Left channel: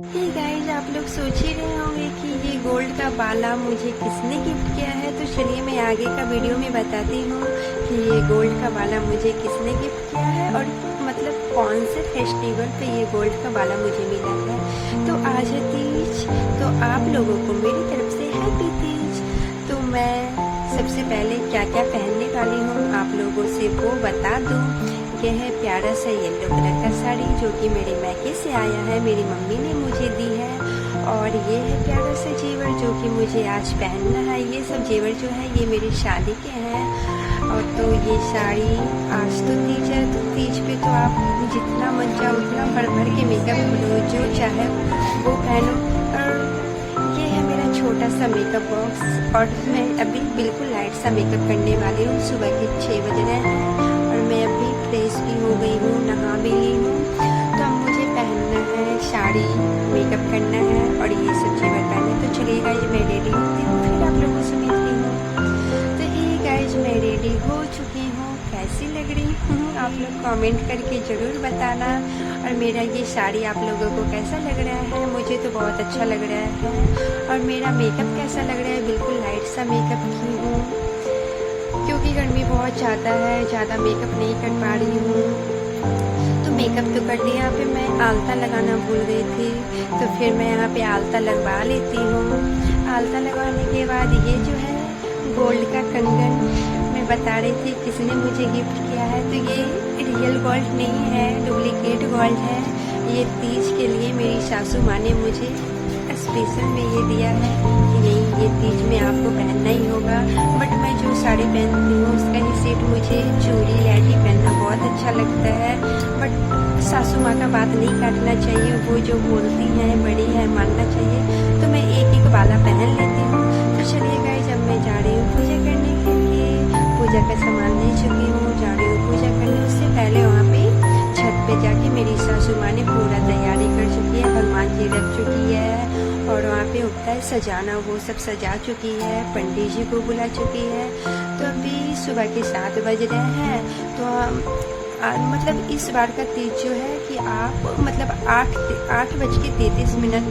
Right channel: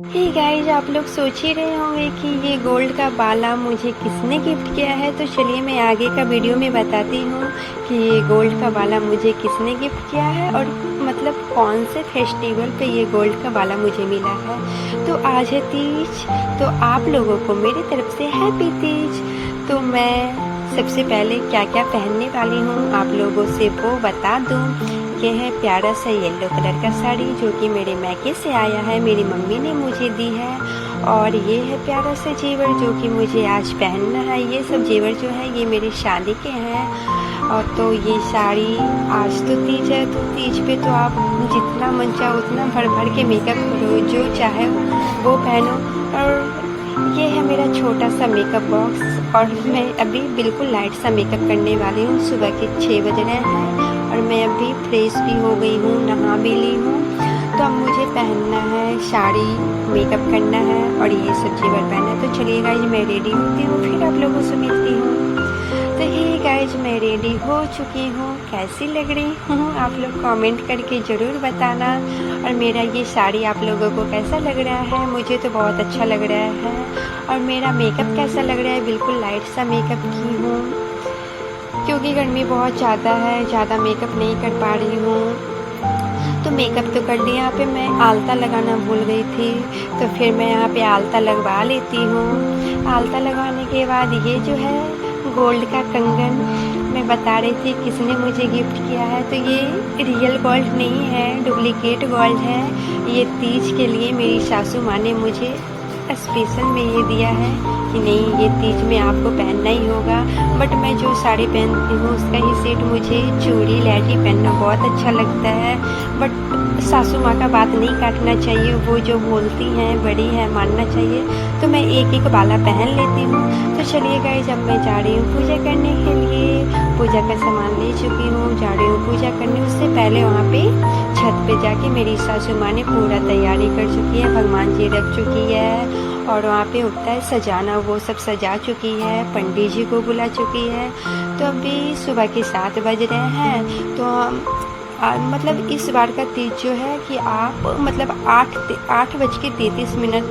Hey guys, आप लोग सोच ही रहे होंगे कि ये गोल्ड का बाला मुझे किसने गिफ्ट किया है। तो चलिए मैं आगे का वीडियो में बताती हूँ कि ये गोल्ड का बाला मुझे किसने गिफ्ट किया है और मतलब कौन से फेस्टिवल पे ये गोल्ड का बाला मुझे मिला है। तो आज है तीज, तो आप लोगों को मेरी तरफ से हैप्पी तीज। तो मैं सबसे पहले क्या क्या पहनने वाली हूँ आप लोगों से वो बता दूँ। ये है प्यारा सा येलो कलर का साड़ी जो कि मेरे मैके से आया है, मेरी मम्मी ने मुझे दी है। और ये है प्यारा सा जेवर जो कि मुझे आज पहनना है। ये सब जेवर जो है ये मेरी शादी के हैं। और तो ये साड़ी, आज तो तीज है तो तीज पे तो आप जितना मन चाहो उतना भर भर के मेकअप करो, जो चाहे वो पहनो। और ये है मेरा छोटा सा मेकअप बॉक्स और मैं अभी बिल्कुल लाइट सा मेकअप करने वाली हूँ। सुबह के 6 बज रहे हैं और मैं अभी फ्रेश भी हो गई हूँ, नहा भी ली हूँ। तो अब मुझे पहनना है साड़ी, मेकअप करना है और ये सब जेवर पहनना है। तो चलिए गाइज मैं रेडी होती हूँ, फिर आप लोगों से मिलती हूँ। तो हे गाइज मैं रेडी हो चुकी हूँ, कैसी लग रही हूँ आप लोग कमेंट करके ज़रूर बताना। और मेरा ये साड़ी आप लोगों को कैसा लग रहा है, मुझे तो बहुत अच्छा लग रहा है। और मेरा मेकअप कैसा लग रहा है, बिल्कुल लाइट सा मेकअप की हूँ क्योंकि गर्मी बहुत ज़्यादा है, ज़्यादा मेकअप नहीं कर पा रही हूँ। तो मेकअप तो कर लिया, यहाँ पे मैं आलता लगाना भूल गई थी, तो फिर मैं यहाँ पे आलता लगवा लेती हूँ। आलता लगवाने के बाद ये जो है गोल्ड का कंगन मैं बता रही थी किसने मुझे गिफ्ट किया है। तो ये रियल गोल्ड नहीं है, डुप्लीकेट गोल्ड है। ये तीज के लिए मेरी सासू माँ ने मुझे स्पेशल में ये दिया है कि नहीं ये तीज में आपको पहनना ही होगा। बट मैं जो साड़ी पहनती हूँ उसका ही सेट, मुझे चूड़ी लहठी पहनना बहुत अच्छा लगता है। बट सासू माँ का बात नहीं काटना चाहिए, वो जो बोलती हैं बड़ी है मानना चाहिए। तो मैं एक एक बाला पहन लेती हूँ। तो चलिए गाइस जब मैं जा रही हूँ पूजा करने के लिए, पूजा का सामान ले चुकी हूँ, जा रही हूँ पूजा करने। उससे पहले वहाँ पे छत पे जाके मेरी सासू माँ ने पूरा तैयारी कर चुकी है, भगवान जी रख चुकी है और वहाँ पे होता है सजाना, वो सब सजा चुकी है, पंडित जी को बुला चुकी है। तो अभी सुबह के 7 बज रहे हैं। तो मतलब इस बार का तीज जो है कि आप मतलब 8:33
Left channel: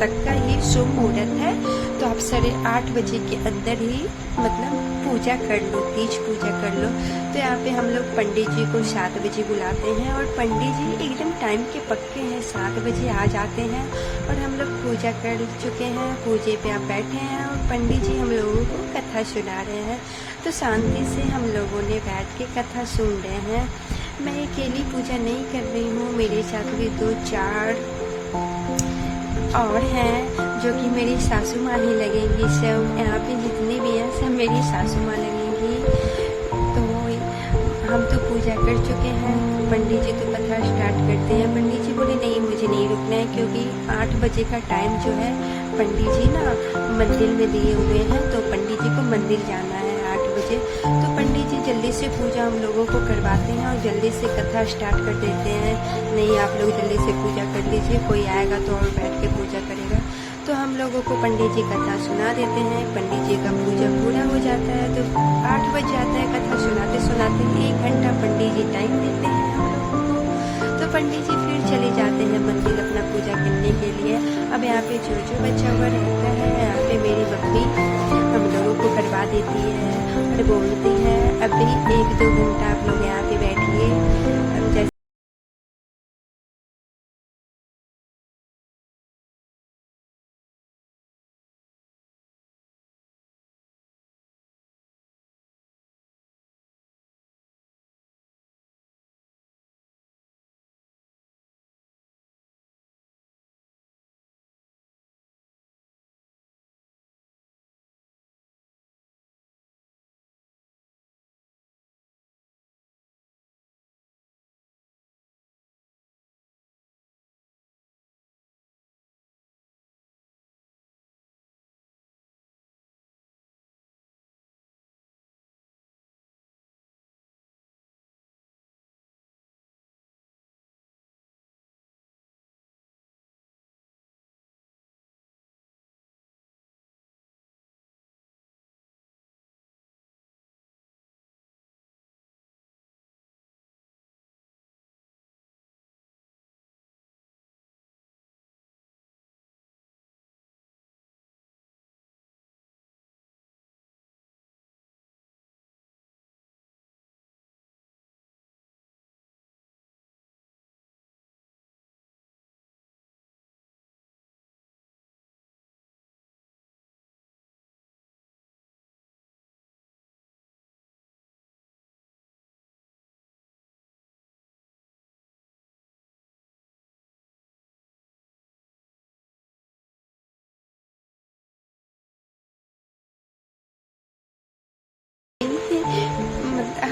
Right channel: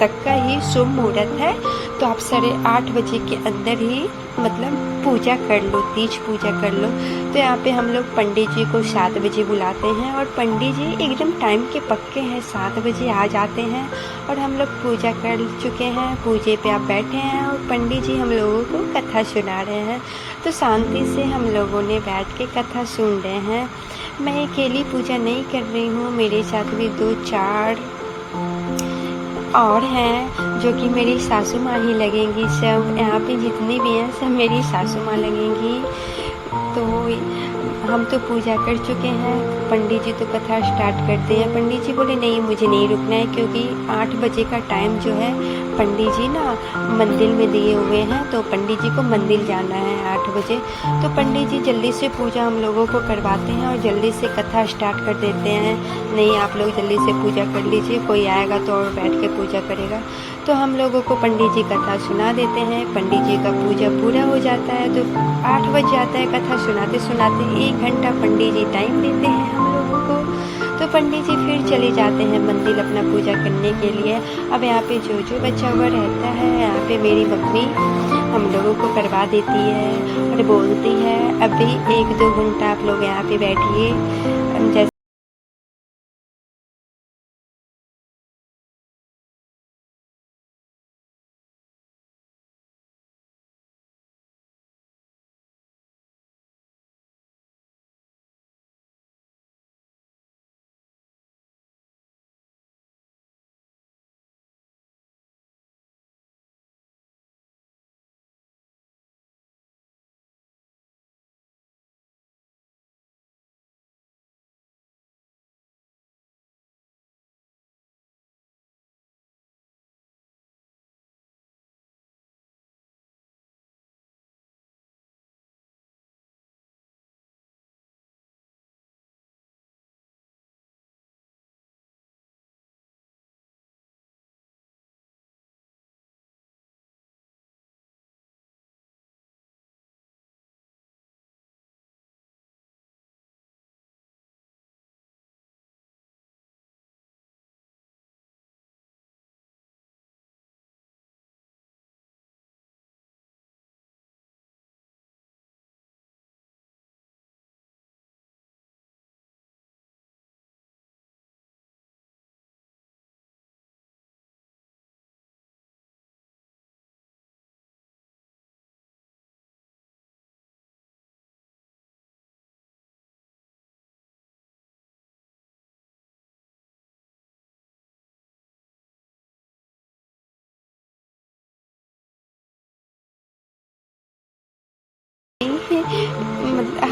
तक का ही शुभ मुहूर्त है। तो आप 8:30 के अंदर ही मतलब पूजा कर लो, तीज पूजा कर लो। तो यहाँ पे हम लोग पंडित जी को 7 बजे बुलाते हैं और पंडित जी एकदम टाइम के पक्के हैं, 7 बजे आ जाते हैं। और हम लोग पूजा कर चुके हैं, पूजे पे आप बैठे हैं और पंडित जी हम लोगों को कथा सुना रहे हैं। तो शांति से हम लोगों ने बैठ के कथा सुन रहे हैं। मैं अकेली पूजा नहीं कर रही हूँ, मेरे साथ भी 2-4 और हैं जो कि मेरी सासू माँ ही लगेंगी। सब यहाँ पे जितनी भी हैं सब मेरी सासू माँ लगेंगी। तो हम तो पूजा कर चुके हैं, पंडित जी तो कथा स्टार्ट करते हैं। पंडित जी बोले नहीं मुझे नहीं रुकना है क्योंकि 8 बजे का टाइम जो है पंडित जी ना मंदिर में दिए हुए हैं, तो पंडित जी को मंदिर जाना है 8 बजे। तो पंडित जी जल्दी से पूजा हम लोगों को करवाते हैं और जल्दी से कथा स्टार्ट कर देते हैं। नहीं आप लोग जल्दी से पूजा कर लीजिए, कोई आएगा तो और बैठ के पूजा करेगा। तो हम लोगों को पंडित जी कथा सुना देते हैं, पंडित जी का पूजा पूरा हो जाता है। तो 8 बज जाता है, कथा सुनाते सुनाते 1 घंटा पंडित जी टाइम देते हैं हम लोगों को। तो पंडित जी फिर चले जाते हैं मंदिर अपना पूजा करने के लिए। अब यहाँ पे जो जो बचा हुआ रहता है यहाँ पे मेरी मम्मी हम लोगों को करवा देती है और बोलती है अभी 1-2 घंटा आप लोग यहाँ पे बैठिए। जैसे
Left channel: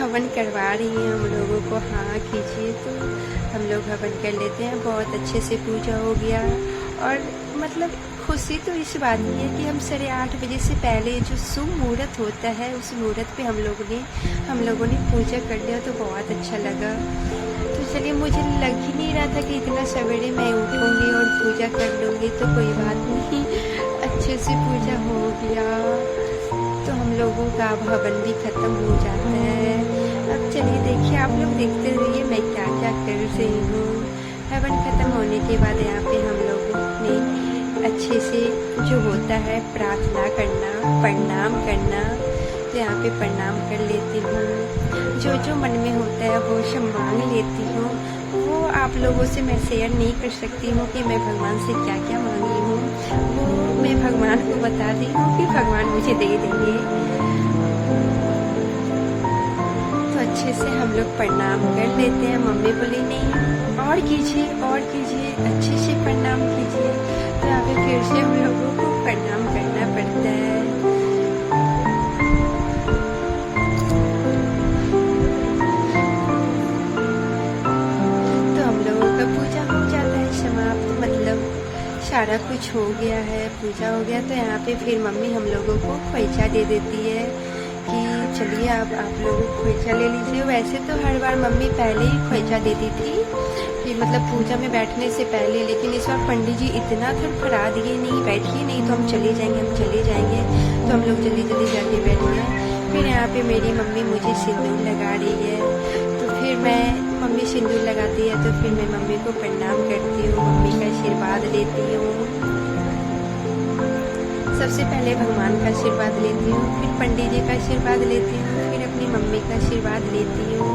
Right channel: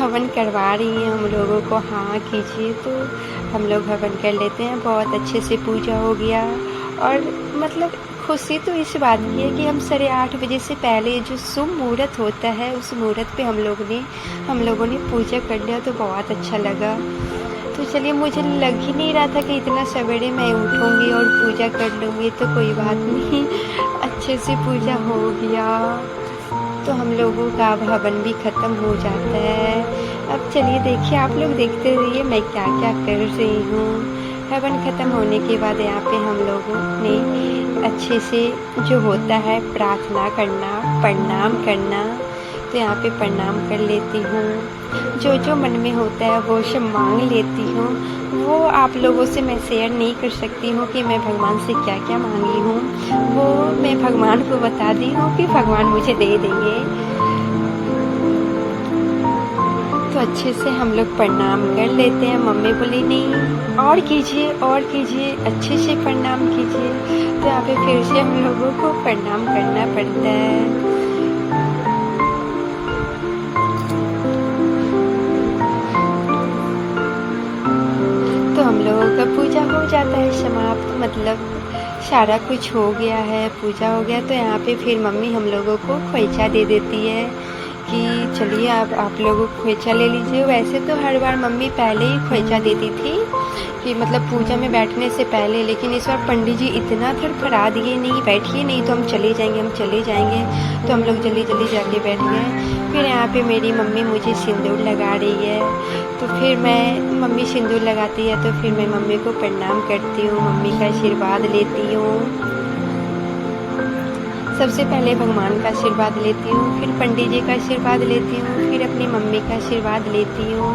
हवन करवा रही हैं हम लोगों को। हाँ कीजिए, तो हम लोग हवन कर लेते हैं। बहुत अच्छे से पूजा हो गया। और मतलब खुशी तो इस बात की है कि हम 8:30 बजे से पहले जो शुभ मुहूर्त होता है उस मुहूर्त पे हम लोगों ने पूजा कर लिया, तो बहुत अच्छा लगा। तो चलिए, मुझे लग ही नहीं रहा था कि इतना सवेरे मैं उठूँगी और पूजा कर लूँगी, तो कोई बात नहीं, अच्छे से पूजा हो गया। तो हम लोगों का अब हवन भी ख़त्म हो जाता है। अब चलिए देखिए, आप लोग देखते रहिए मैं क्या क्या कर रही हूँ। हवन ख़त्म होने के बाद यहाँ पे हम लोगों ने अच्छे से जो होता है प्रार्थना करना, प्रणाम करना, तो यहाँ पे प्रणाम कर लेती हूँ। जो मन में होता है वो सब मांग लेती हूँ। वो आप लोगों से मैं शेयर नहीं कर सकती हूँ कि मैं भगवान से क्या क्या मांगी हूँ। वो मैं भगवान को बता दी हूँ कि भगवान मुझे दे देंगे। तो अच्छे से हम लोग प्रणाम कर लेते हैं। मम्मी बोली नहीं और कीजिए, अच्छे से प्रणाम कीजिए। तो यहाँ पे फिर से हम लोगों को प्रणाम करना पड़ता है। तो हम लोगों का पूजा हो जाता है समाप्त, मतलब सारा कुछ हो गया है, पूजा हो गया। तो यहाँ पे फिर मम्मी हम लोगों को खोइचा दे देती है कि चलिए आप लोगों को खोइचा ले लीजिए। वैसे तो हर बार मम्मी पहले ही खोइचा देती थी कि मतलब पूजा में बैठने से पहले, लेकिन इस बार पंडित जी इतना थरथरा दिए, नहीं बैठिए नहीं तो हम चले जाएंगे। तो हम लोग जल्दी जाके बैठ गए। फिर यहाँ पे मेरी मम्मी मुझे सिंदूर लगा रही है, तो फिर मम्मी सिंदूर लगाती है तो फिर मैं मम्मी को प्रणाम करती हूँ, मम्मी का आशीर्वाद लेती हूँ। सबसे पहले भगवान का आशीर्वाद लेती हूँ, फिर पंडित जी का आशीर्वाद लेती हूँ, फिर अपनी मम्मी का आशीर्वाद लेती हूँ।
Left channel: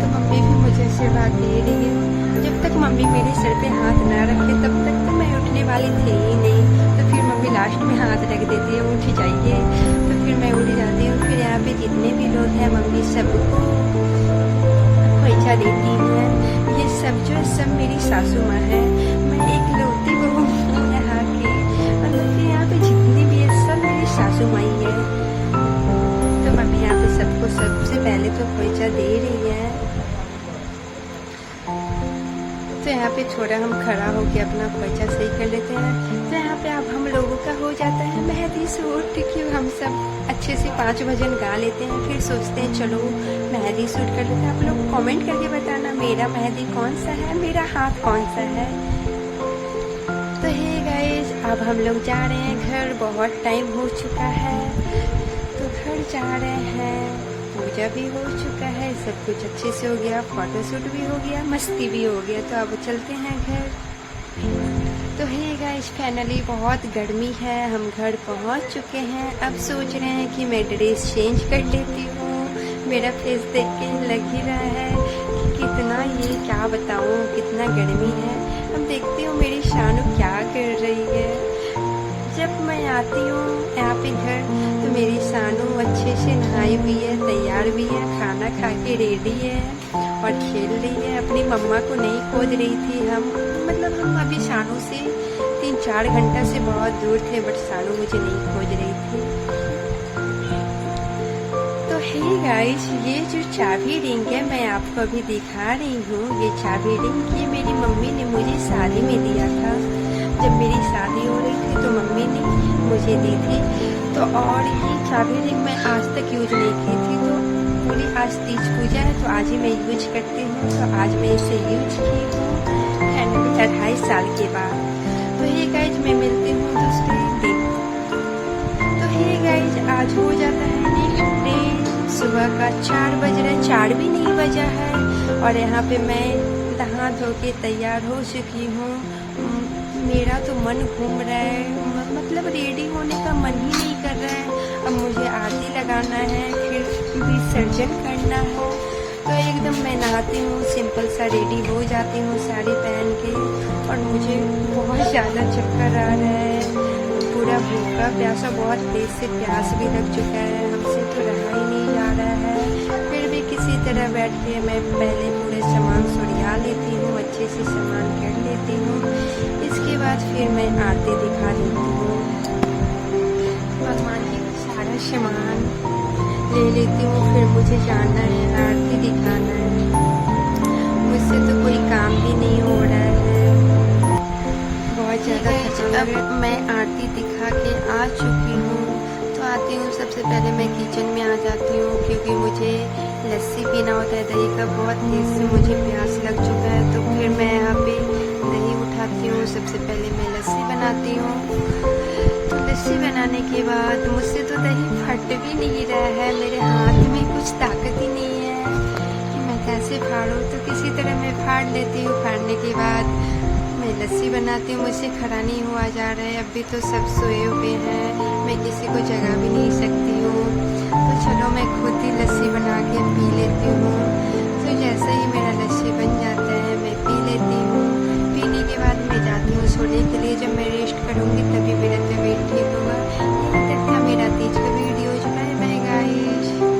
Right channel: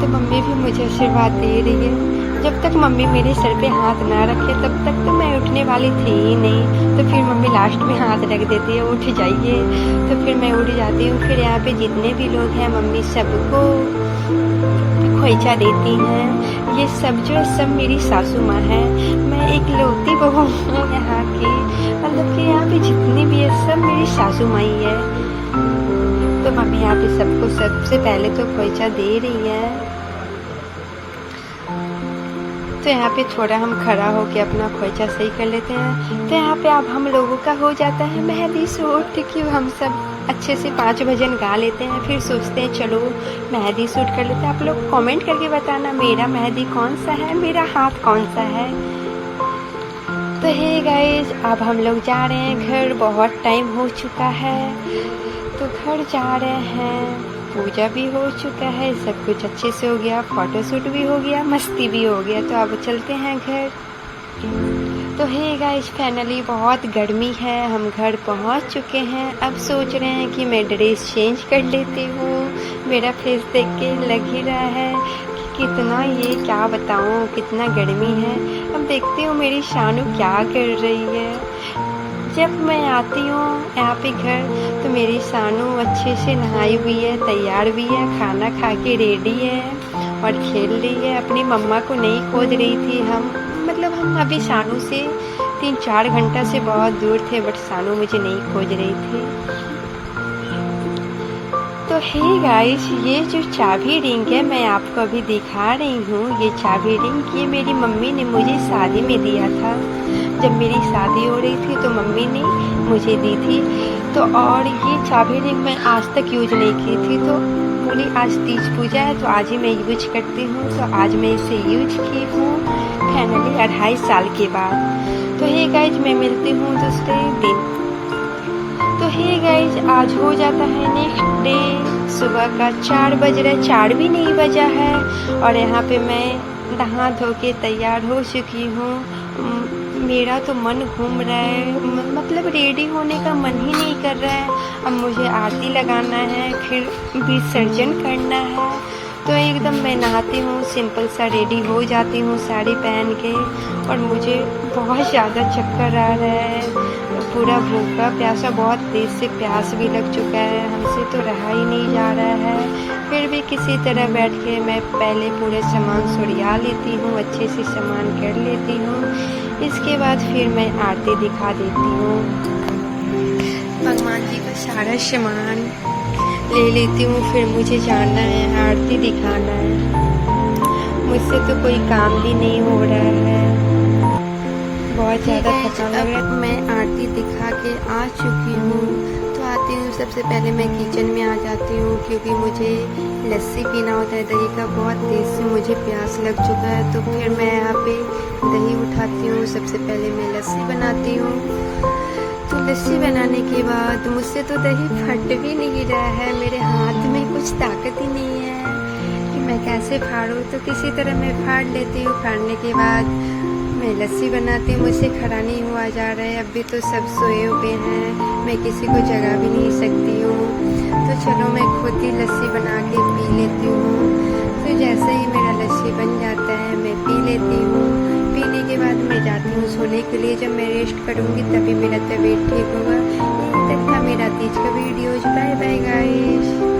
तो मम्मी भी मुझे आशीर्वाद दे रही है। जब तक मम्मी मेरे सर पे हाथ ना रखे तब तक तो मैं उठने वाली थी ही नहीं। तो फिर मम्मी लास्ट में हाथ रख देती है, उठ जाइए। तो फिर मैं उठ जाती हूँ। फिर यहाँ पे जितने भी लोग हैं मम्मी सबको खोइचा देती हैं। ये सब मेरी सासू माँ है। मैं एक लौती बहू हूँ यहाँ की, मतलब कि यहाँ पे जितनी भी है सब मेरी सासू माँ ही है। तो मम्मी यहाँ पे सबको सबसे पहले तो खोइचा दे रही है। तो यहाँ पे थोड़ा हम खड़ा होके अपना खोइचा सही कर लेते हैं। तो यहाँ पे अब हम लोगों का हो जाता है मेहंदी सूट, क्योंकि हम सब अच्छे से 5 भजन गा लेते हैं। फिर सोचते हैं चलो मेहंदी सूट कर लेते हैं। आप लोग कमेंट करके बताना मेरा मेहंदी कौन सा है, मेरा हाथ कौन सा है। तो हे गाइस, अब हम लोग जा रहे हैं घर। बहुत टाइम हो चुका है तो घर जा रहे हैं। पूजा भी हो चुका है, सब कुछ अच्छे से हो गया, फोटोशूट भी हो गया, मस्ती भी हो गया। तो अब चलते हैं घर। तो हे गाइस, फाइनली बहुत गर्मी है, हम घर पहुंच चुके हैं। अब सोच रहे हैं कि मैं ड्रेस चेंज कर लेती हूँ। मेरा फेस देख के लग ही रहा है कि कितना, ये क्या बताऊँ, कितना गर्मी है। अब देखती हूँ मेरी शानू क्या कर रही है। जब मैं आती हूँ यहाँ पे घर तो मेरी शानू अच्छे से नहाई हुई है, तैयार भी है, खाना खा के रेडी है और खेल रही है। अपनी मम्मा को नहीं खोज रही थी। हम अभी शानू से 3-4 घंटा से बहुत दूर थे, बट शानू मुझे नहीं खोज रही थी। तो हे गाइस, ये जो चाबी रिंग है मैं आपको अभी दिखा रही हूँ। ये चाबी रिंग ये मेरी मम्मी ने मुझे शादी में दिया था। जब मेरी शादी हो रही थी तो मम्मी ने मुझे दी थी। तो और ये चाबी रिंग मैं आज तक यूज नहीं की थी। तो बोली आज तीज पूजा है तो आज ही मैं यूज करती हूँ। तो आज मैं इसे यूज की हूँ फाइनली 2.5 साल के बाद। तो हे गाइज, मैं मिलती हूँ दूसरे दिन। तो हे गाइज, आज हो जाता है नेक्स्ट डे। सुबह का 4 बज रहा है, 4 भी नहीं बजा है। और यहाँ पे मैं नहा धो के तैयार हो चुकी हूँ। मेरा तो मन घूम रहा है, मतलब रेडी होने का मन ही नहीं कर रहा है। अब मुझे आरती लगाना है, फिर विसर्जन करना है। तो एकदम मैं नहाती हूँ, सिंपल सा रेडी हो जाती हूँ साड़ी पहन के। और मुझे बहुत ज़्यादा चक्कर आ रहा है, पूरा भूखा प्यासा, बहुत तेज से प्यास भी लग चुका है, हमसे तो रहा ही नहीं जा रहा है। फिर भी किसी तरह बैठ के मैं पहले पूरे सामान सरिया लेती हूँ, अच्छे से सामान कर लेती हूँ। इसके बाद फिर मैं आरती दिखा देती हूँ। भगवान जी का सारा सामान ले लेती हूँ, फिर मुझे जाना है, आरती दिखाना है। मुझसे तो कोई काम भी नहीं हो रहा है, बहुत ज़्यादा थकान लग रहा है। मैं आरती दिखा के आ चुकी हूँ, तो आती हूँ सबसे पहले मैं किचन में आ जाती हूँ, क्योंकि मुझे लस्सी पीना होता है। दही का बहुत तेज मुझे प्यास लग चुका है, तो फिर मैं यहाँ पे दही उठाती हूँ। सबसे पहले मैं लस्सी बनाती हूँ। तो लस्सी बनाने के बाद मुझसे तो दही फट भी नहीं रहा है, मेरे हाथ में कुछ ताकत ही नहीं है कि मैं कैसे फाड़ूँ। तो किसी तरह मैं फाड़ लेती हूँ। फाड़ने के बाद मैं लस्सी बनाती हूँ। मुझसे खड़ा नहीं हुआ जा रहा है, अभी तो सब सोए हुए हैं, मैं किसी को जगा भी नहीं सकती हूँ। तो चलो मैं खुद ही लस्सी बना के पी लेती हूँ। तो जैसे ही मेरा लस्सी बन जाता है मैं पी लेती हूँ। पीने के बाद मैं जाती हूँ सोने के लिए। जब मैं रेस्ट करूँगी तभी मेरा तबीयत ठीक होगा। यही तक था मेरा तीज का वीडियो। Bye bye guys.